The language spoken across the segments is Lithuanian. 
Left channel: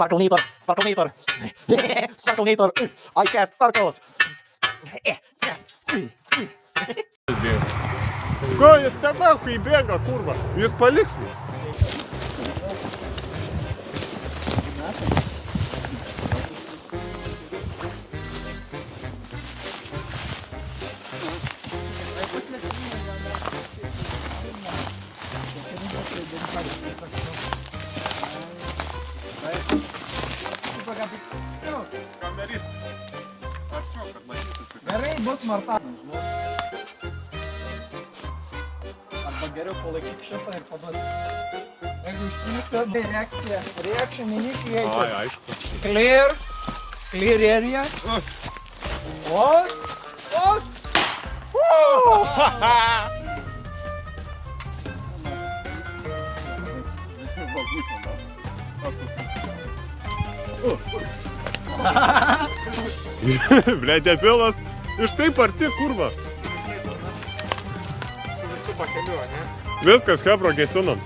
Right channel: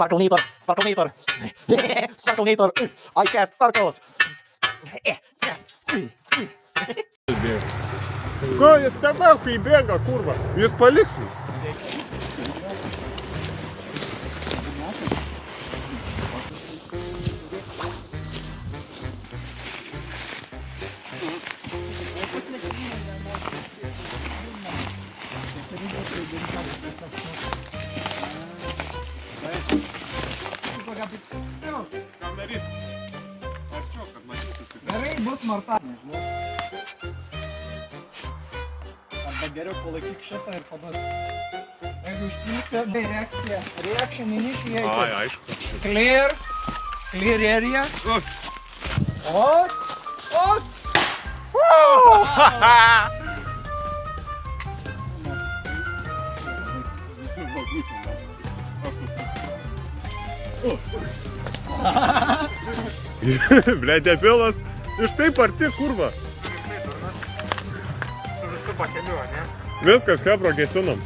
Sparklinator, Sparklinator. Sparklinator. I cast sparkles. Ko jis tada, kai bėga, kurva? Jis paliks mus. Gerai, bus Marta. Arba geriau palaikyk šitą ir paduoti. Jeigu išpilsi, tai reakcija. Reaction initiated. Ai, aišku. Clear. Clear area. What? Ble, debilas. Iš taip arti, kurva. Su visu bakeliu, ne? Viskas, hebro, gesinam.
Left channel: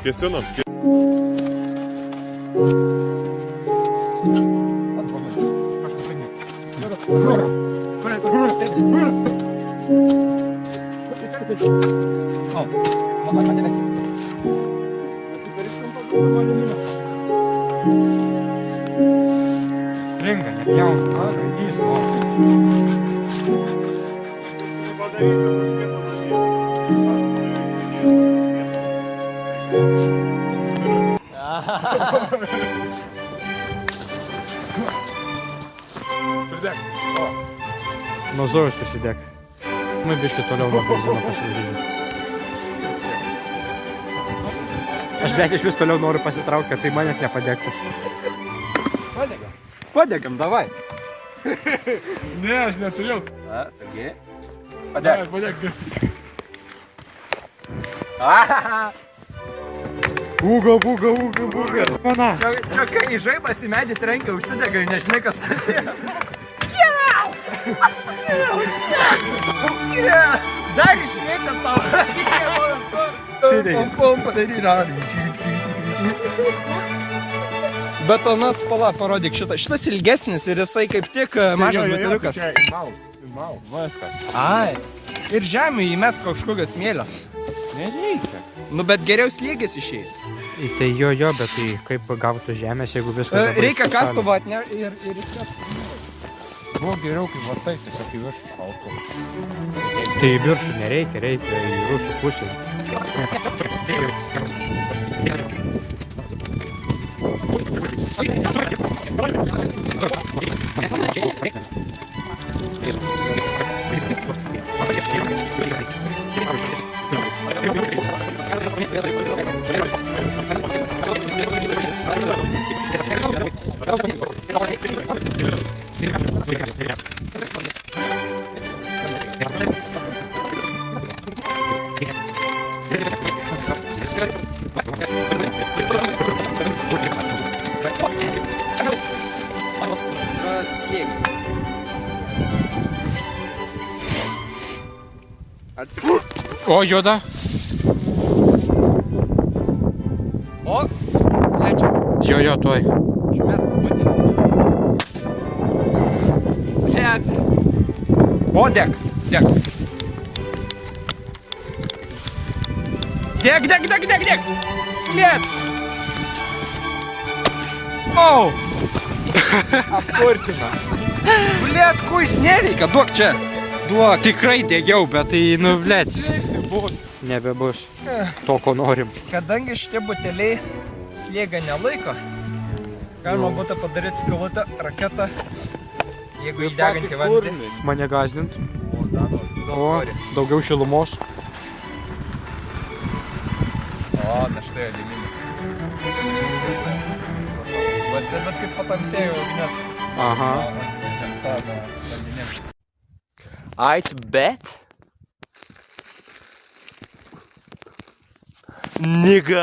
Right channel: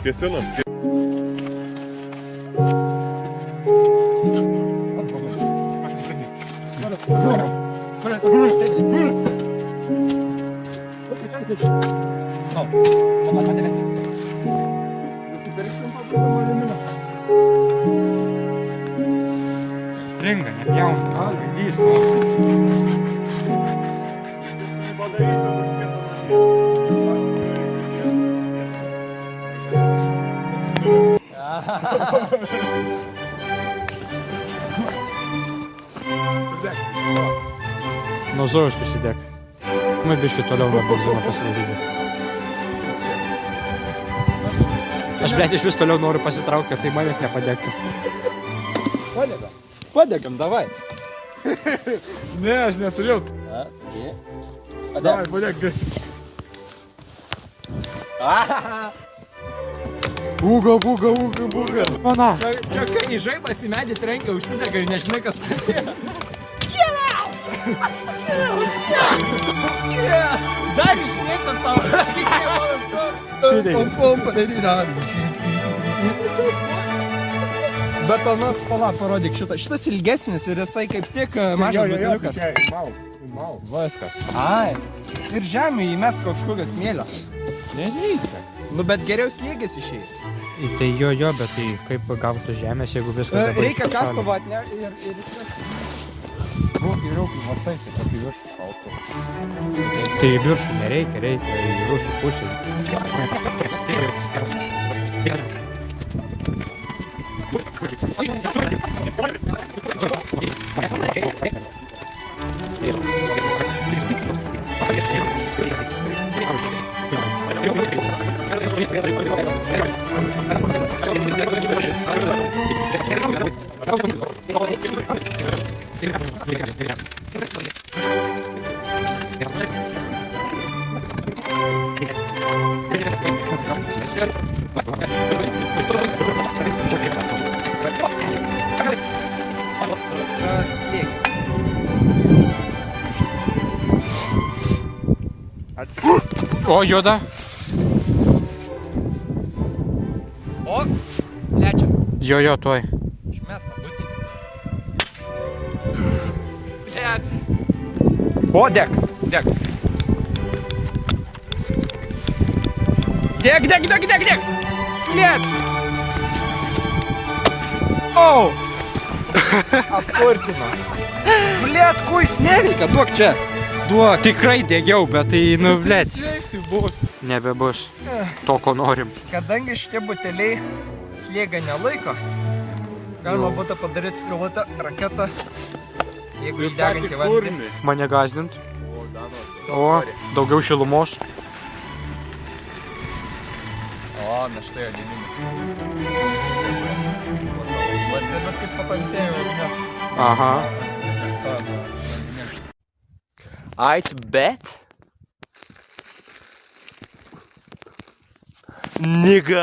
Stringa, net jauna. Padarysim už kitą namį. Nuo Zojus prisidėk. Nu, biškį toliau nuo benzino pasidaryti. Aš, blėt, iš vis toliau noriu pasitraukti, kad tai manęs nepadegtų. Padegam, davai. Ne, aš neturėjau. Atsargiai. Padėk. Būga. Mana. Čia kai žaibas į medį trenkia, užsidega ir nežinai, kas tas yra. Dar išmėtė tau. Pom padaryti. Betonas, parodyk šitą. Šitas ilgesnis ir jisai kaip tik mažas betoniukas. Mal. Viskas. Ai. Ir žemė įmest kažkokio smėlio. Nereikia. Nu, bet geriau slėgis išeis. Tai jo, bet tai kaip gautų žemės, jeigu viskas dabar Reikia kastuvą atnešti ir išmest. Nu, geriau, kai vartai, tiesiog į viršų šaltų. Tai į viršų nereikia, reikia į rusų pusę. O, juoda. O, lečia. Jo, tuoj. O, deg. Deg. Liet. O. Apkurtina. Liet, kuis nereikia, duok čia. Duok. Tikrai degiau, bet tai, nu, blėt. Nebebus to, ko norim. Kadangi šitie buteliai slėgą nelaiko, galima būtų padaryti skylutę raketą, jeigu įdeginti vandenį. Mane gazdint. O, daugiau šilumos. O, na štai aliuminis. Pastebėt, kaip patamsėjo ugnes. Aha. Vandenėm. Ait, bet? Nigga.